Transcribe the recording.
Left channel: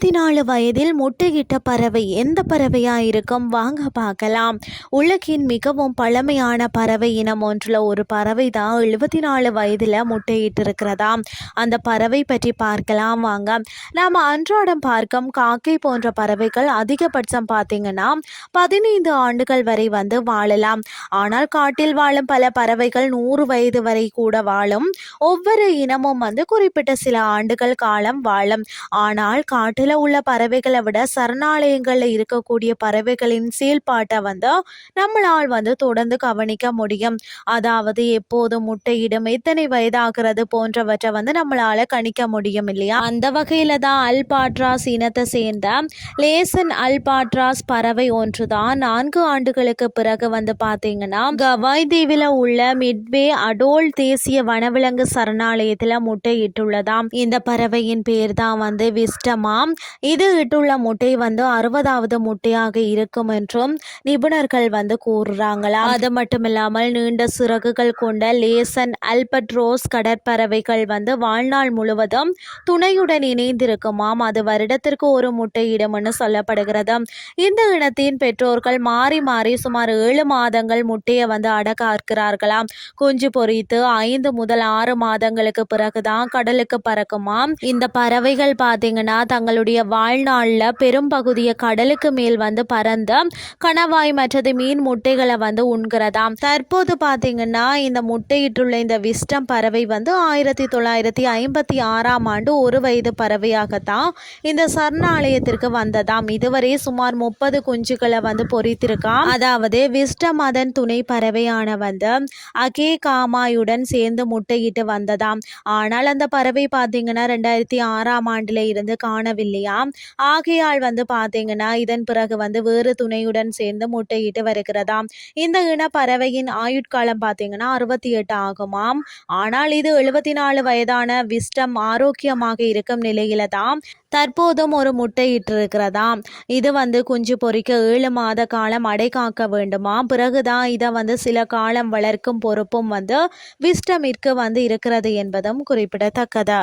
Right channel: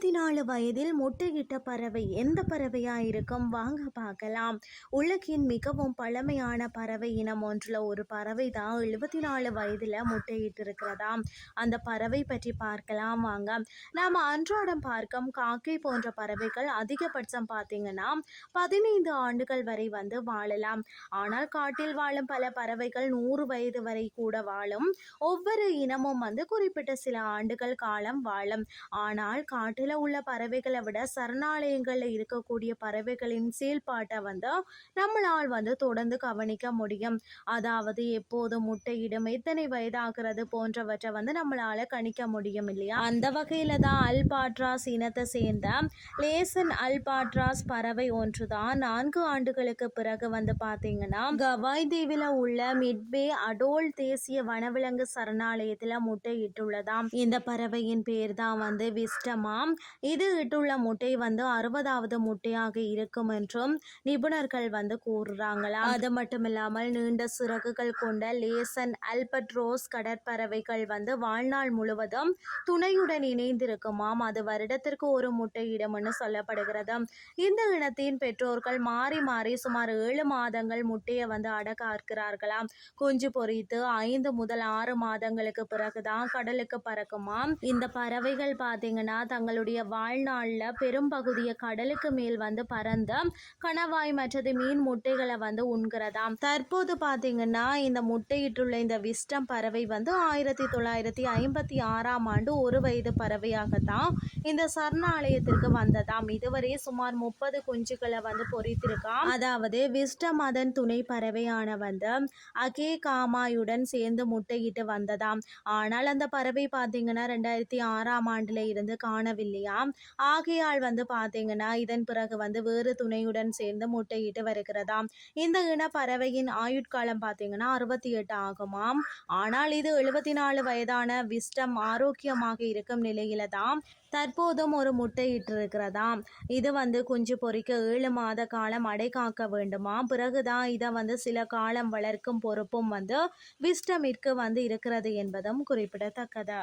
இருபத்தி நாலு வயதில் முட்டையிட்ட பறவை எந்த பறவையாக இருக்கும் வாங்க பார்க்கலாம். உலகின் மிகவும் பழமையான பறவை இனம் ஒன்றில் ஒரு பறவை தான் எழுபத்தி நாலு வயதில் முட்டையிட்டு இருக்கிறதா அந்த பறவை பற்றி பார்க்கலாம் வாங்க. நாம் அன்றாடம் பார்க்கும் காக்கை போன்ற பறவைகள் அதிகபட்சம் பார்த்தீங்கன்னா பதினைந்து ஆண்டுகள் வரை வந்து வாழலாம். ஆனால் காட்டில் வாழும் பல பறவைகள் நூறு வயது வரை கூட வாழும். ஒவ்வொரு இனமும் வந்து குறிப்பிட்ட சில ஆண்டுகள் காலம் வாழும். ஆனால் காட்டில் உள்ள பறவைகளை விட சரணாலயங்களில் இருக்கக்கூடிய பறவைகளின் செயல்பாட்டை வந்து நம்மளால் வந்து தொடர்ந்து கவனிக்க முடியும். அதாவது எப்போது முட்டையிடும் எத்தனை வயதாகிறது போன்றவற்றை வந்து நம்மளால கணிக்க முடியும் இல்லையா? அந்த வகையில தான் அல்பாட்ராஸ் இனத்தை சேர்ந்த லேசன் அல்பாட்ராஸ் பறவை ஒன்று தான் நான்கு ஆண்டுகளுக்கு பிறகு வந்து பார்த்தீங்கன்னா கவாய் தீவில் உள்ள மிட்வே அடோல் தேசிய வனவிலங்கு சரணாலயத்தில் முட்டையிட்டுள்ளதாம். இந்த பறவையின் பேர் தான் வந்து விஸ்டமாம். இது இட்டுள்ள முட்டை வந்து அறுபதாவது முட்டையாக இருக்கும் என்றும் நிபுணர்கள் வந்து கூறுறாங்களா? அது மட்டும் இல்லாமல் நீண்ட சிறகுகள் கொண்ட லேசன் அல்பட்ரோஸ் கடற்பறவைகள் வந்து வாழ்நாள் முழுவதும் துணையுடன் இணைந்திருக்குமாம். அது வருடத்திற்கு ஒரு முட்டையிடும்னு சொல்லப்படுகிறது. இந்த இனத்தின் பெற்றோர்கள் மாறி மாறி சுமார் ஏழு மாதங்கள் முட்டையை வந்து அடக்காக்கிறார்களாம் குஞ்சு பொரித்து ஐந்து முதல் ஆறு மாதங்களுக்கு பிறகுதான் கடலுக்கு பறக்குமாம். இந்த பறவைகள் பார்த்தீங்கன்னா தங்களுடைய வாழ்நாளில் பெரும் பகுதியை கடலுக்கு மேல் வந்து பறந்து கணவாய் மற்றது மீன் முட்டைகளை வந்து உண்கிறதாம். தற்போது பார்த்தீங்கன்னா இந்த முட்டையிட்டுள்ள இந்த விஸ்டம் பறவை வந்து ஆயிரத்தி தொள்ளாயிரத்தி ஐம்பத்தி ஆறாம் ஆண்டு ஒரு வயது பறவையாகத்தான் இந்த சரணாலயத்திற்கு வந்ததாம். இதுவரை சுமார் முப்பது குஞ்சுகளை வந்து பொறித்திருக்காம். அதாவது விஸ்டம் அதன் துணை பறவையான வந்து அகே காமாயுடன் சேர்ந்து முட்டையிட்டு வந்ததாம். ஆனால் அந்த பறவை பார்த்தீங்கன்னா ரெண்டாயிரத்தி ஆறாம் ஆண்டில் இருந்து காணவில்லை. இல்லையா? ஆகையால் வந்து பார்த்தீங்கன்னா இதன் பிறகு வந்து வேறு துணையுடன் சேர்ந்து முட்டையிட்டு வருகிறதாம். இந்த இனப்பறவையின் ஆயுட்காலம் பார்த்தீங்கன்னா அறுபத்தி எட்டு ஆகுமாம். ஆனால் இது எழுபத்தி நாலு வயதான விஸ்டம் ஆரோக்கியமாக இருக்கும் நிலையில தான் தற்போதும் ஒரு முட்டையிட்டு இருக்கிறதாம் இது வந்து குஞ்சு பொறிக்க ஏழு மாத காலம் அடை காக்க வேண்டுமா பிறகுதான் இதை வந்து சில காலம் வளர்க்கும் பொறுப்பும் வந்து விஸ்டமிற்கு வந்து இருக்கிறது என்பதும் குறிப்பிடத்தக்கது.